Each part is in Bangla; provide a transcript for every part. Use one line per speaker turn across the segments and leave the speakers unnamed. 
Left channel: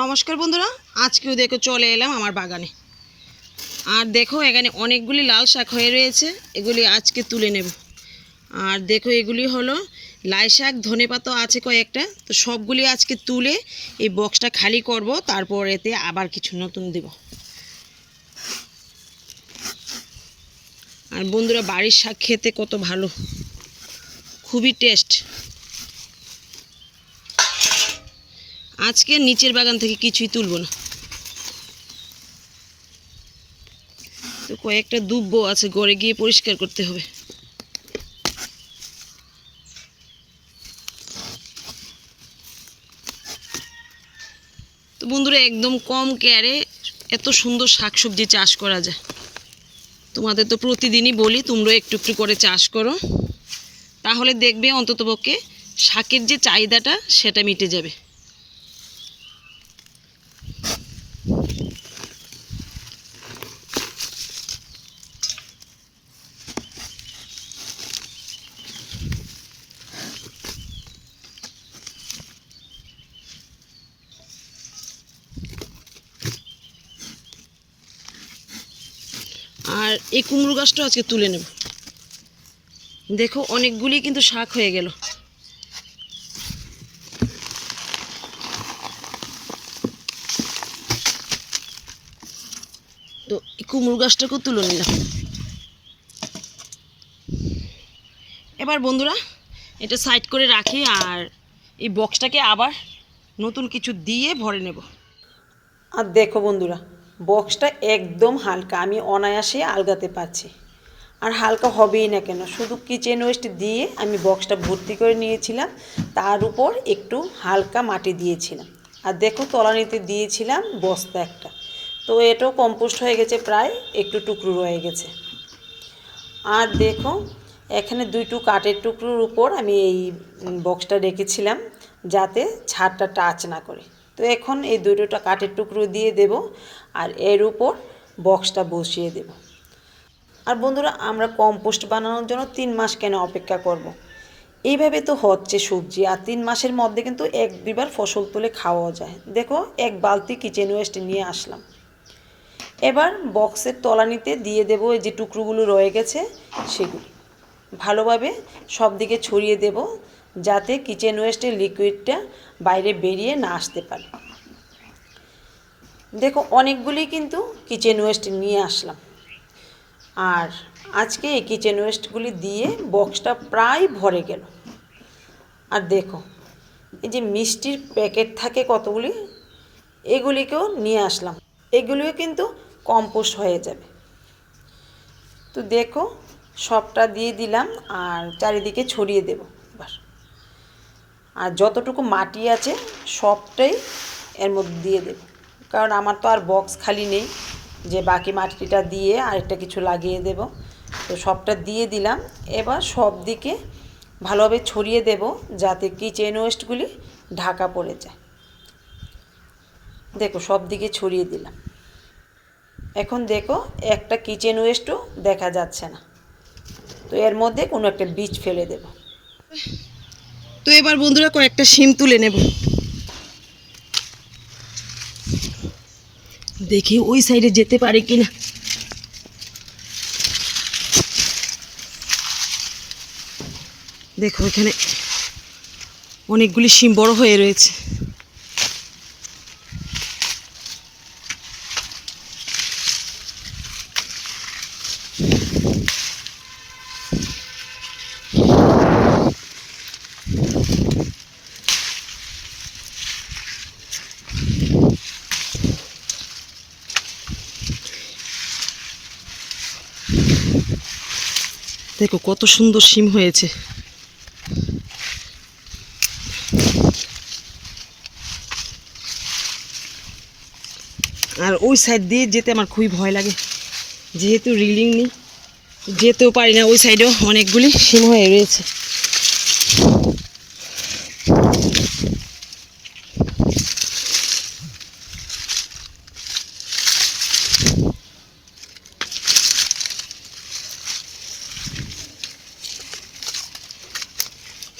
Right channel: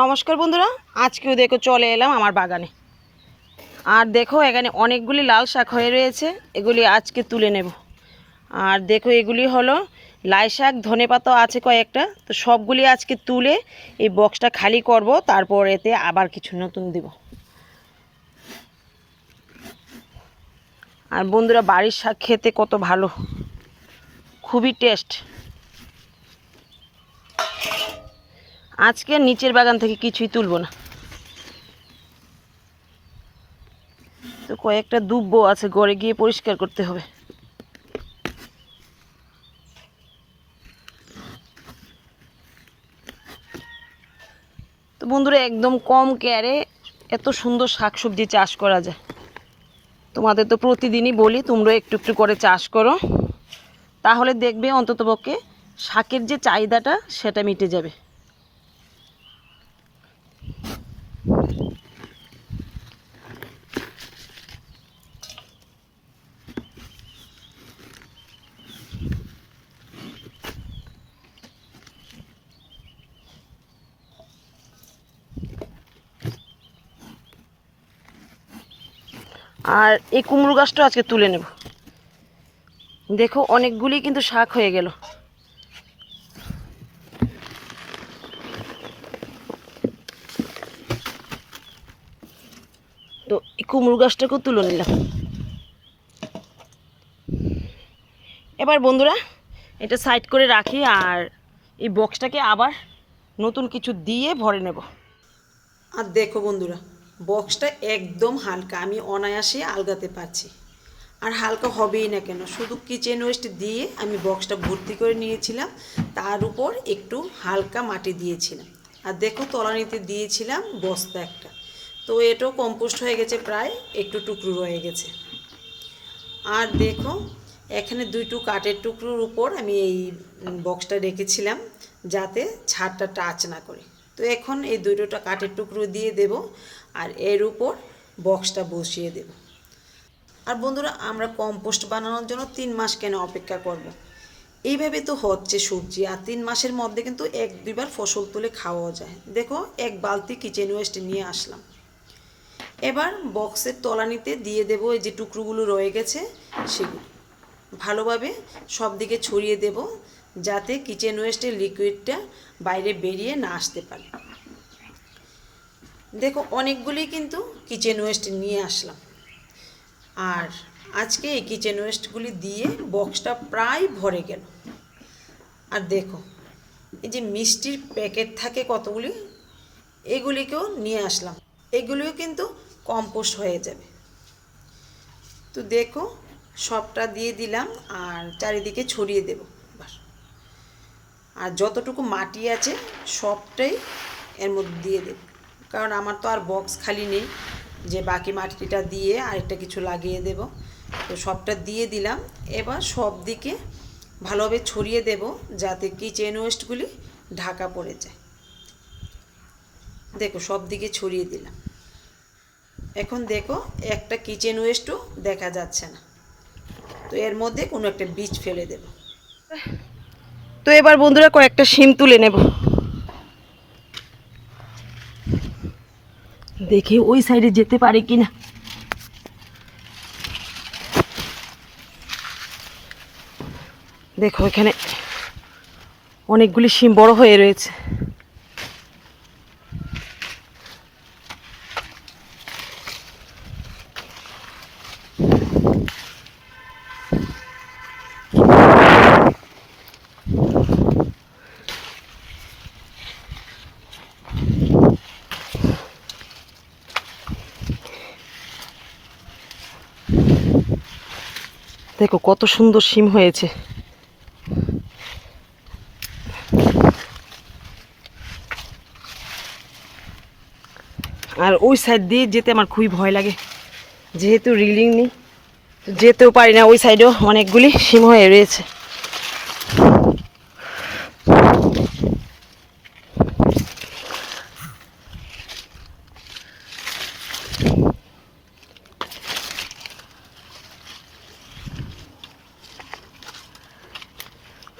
নমস্কার বন্ধুরা, আজকেও দেখো চলে এলাম আমার বাগানে। আর দেখো এখানে অনেকগুলি লাল শাক হয়ে রয়েছে, এগুলি আজকে তুলে নেব। আর দেখো এগুলি হলো লাই শাক, ধনে পাতা আছে কয়েকটা, তো সবগুলি আজকে তুলে এই বক্সটা খালি করব, তারপর এতে আবার কিছু নতুন দেব। আর বন্ধুরা, বাড়ির শাক খেতে কত ভালো, খুবই টেস্ট। আজকে নিচের বাগান থেকে কিছুই তুলব না। তো কয়েকটা দুব্বো আছে, গড়ে গিয়ে পরিষ্কার করতে হবে। তো বন্ধুরা, একদম কম কেয়ারে এত সুন্দর শাকসবজি চাষ করা যায়। তোমাদের তো প্রতিদিনই বলি, তোমরা একটু একটু করে চাষ করো। তাহলে দেখবে অন্ততপক্ষে শাকের যে চাহিদাটা, সেটা মিটে যাবে। আর এই কুমড়ো গাছটা আজকে তুলে নেব। দেখো, অনেকগুলি কিন্তু শাক হয়ে গেল। তো এই কুমড়ো গাছটাকেও তুলে নিলাম। এবার বন্ধুরা, এটা সাইড করে রাখি আর এই বক্সটাকে আবার নতুন কিছু দিয়ে ভরে নেব। আর দেখো বন্ধুরা বক্সটা একদম হালকা, আমি অনায়াসে আলগাতে পারছি। আর হালকা হবেই না কেন, শুধু কিচেন ওয়েস্ট দিয়ে আমি বক্সটা ভর্তি করে নিয়েছিলাম, তার উপর একটু হালকা মাটি দিয়েছিলাম। আর দেখো তলানিতে দিয়েছিলাম বস্তা একটা। তো এটাও কম্পোস্ট হয়ে গেছে প্রায় একটু টুকরো রয়ে গেছে। আর দেখো, এখানে দুইটু কাঠের টুকরোর উপর আমি এই বক্সটা রেখেছিলাম, যাতে ছাদটা টাচ না করে। তো এখন এই দুটোটা কাঠের টুকরো দিয়ে দেব আর এর উপর বক্সটা বসিয়ে দেব। আর বন্ধুরা, আমরা কম্পোস্ট বানানোর জন্য তিন মাস কেন অপেক্ষা করব। এইভাবে তো হচ্ছে সবজি, আর তিন মাসের মধ্যে কিন্তু এক দুইবার ফসল তুলে খাওয়াও যায়। দেখো, এক বালতি কিচেন ওয়েস্ট নিয়ে আসলাম। এবার বক্সের তলানিতে দিয়ে দেব এই যে টুকরোগুলো রয়ে গেছে সেগুলি। ভালোভাবে সব দিকে ছড়িয়ে দেব। যাতে কিচেন ওয়েস্টের লিকুইডটা বাইরে বেরিয়ে না আসতে পারে। দেখো, অনেকগুলি কিন্তু কিচেন ওয়েস্ট নিয়ে আসলাম। আর আজকে এই কিচেন ওয়েস্টগুলি দিয়ে বক্সটা প্রায় ভরে গেল। আর দেখো, এই যে মিষ্টির প্যাকেট থাকে কতগুলি, এগুলিকেও নিয়ে আসলাম। এগুলিও কিন্তু কম্পোস্ট হয়ে যাবে। তো দেখো, সবটা দিয়ে দিলাম আর চারিদিকে ছড়িয়ে দেব। আর যতটুকু মাটি আছে, সবটাই এর মধ্যে দিয়ে দেব। কারণ আমার তো আর বক্স খালি নেই, যে বাকি মাটিটা দিয়ে আরেকটা কিছু লাগিয়ে দেব। তো সবটা দিয়ে দিলাম। এবার সব দিকে ভালোভাবে ছড়িয়ে দেব, যাতে কিচেন ওয়েস্টগুলি ঢাকা পড়ে যায়। দেখো সব দিকে ছড়িয়ে দিলাম। এখন দেখো, একটা কিচেন ওয়েস্টও দেখা যাচ্ছে না। তো এর মধ্যে কোনো একটা বীজ ফেলে দেব। তো এবার বন্ধুরা কয়েকটা সিম তুলে নেব। দেখি ওই সাইডে যেতে পারে কিনা। দেখো এখানে অনেকগুলি সিম বড় হয়ে রয়েছে। দেখো, কত সুন্দর সিম হয়েছে। আর ওই সাইড দিয়ে যেতে আমার খুবই ভয় লাগে। যেহেতু রিলিং নেই, যেতেও পারি না ওই সাইডেও অনেকগুলি সিম হয়ে রয়েছে।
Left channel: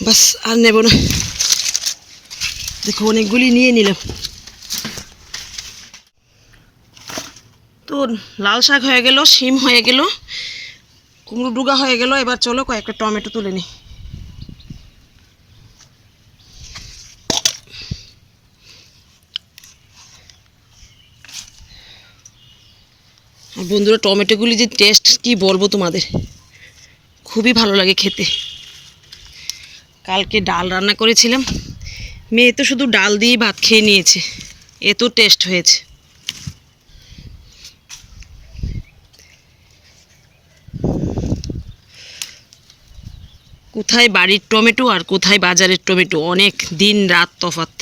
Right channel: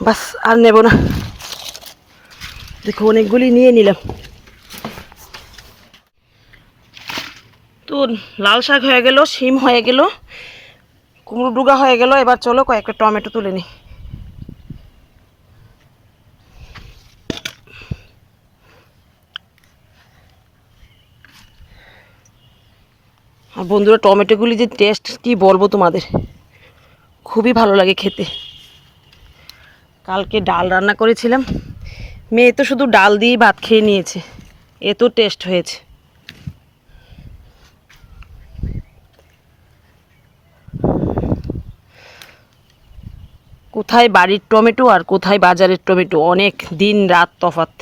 বাস, আর নেব না। দেখো, অনেকগুলি নিয়ে নিলাম। তো লাল শাক হয়ে গেল, শিম হয়ে গেল, কুমড়ো ডুগা হয়ে গেল। এবার চলো কয়েকটা টমেটো তুলে নিই। আর বন্ধুরা, টমেটোগুলি যে টেস্ট কি বলব তোমাদের? খুবই ভালো লাগে খেতে। কালকে ডাল রান্না করেছিলাম। মেয়ে তো শুধু ডাল দিয়েই ভাত খেয়ে নিয়েছে। এত টেস্ট হয়েছে। কোথায় বাড়ির টমেটো আর কোথায় বাজারের টমেটো? অনেক দিন রাত তফাত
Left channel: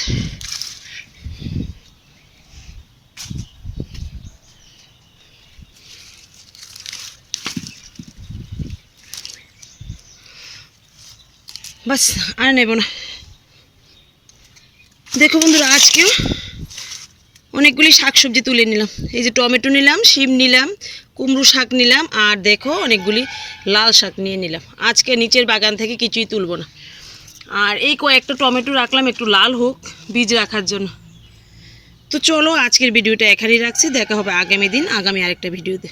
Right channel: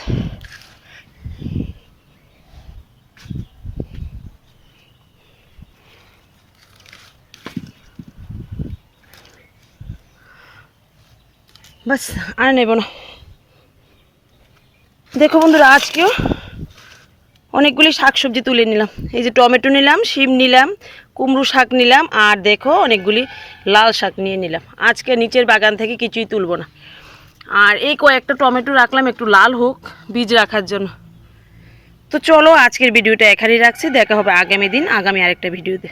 বাস, আর নেব না। দেখো বন্ধুরা, আজকেও অনেকগুলি শাকসবজি তুলে নিলাম। এই যে টমেটো নিলাম, শিম নিলাম, কুমড়ো শাক নিলাম, আর দেখো অনেকগুলি লাল শাক নিয়ে নিলাম। আজকে নিচের বাগান থেকে কিছুই তুলব না। আর এই কয়েকটা টমেটো রাখলাম, একটু লাল হোক, বীজ রাখার জন্য। তো চলো আজকের ভিডিওটা এখানেই রাখছি। দেখা হবে আগামী দিন, আগামী আরেকটা ভিডিওতে।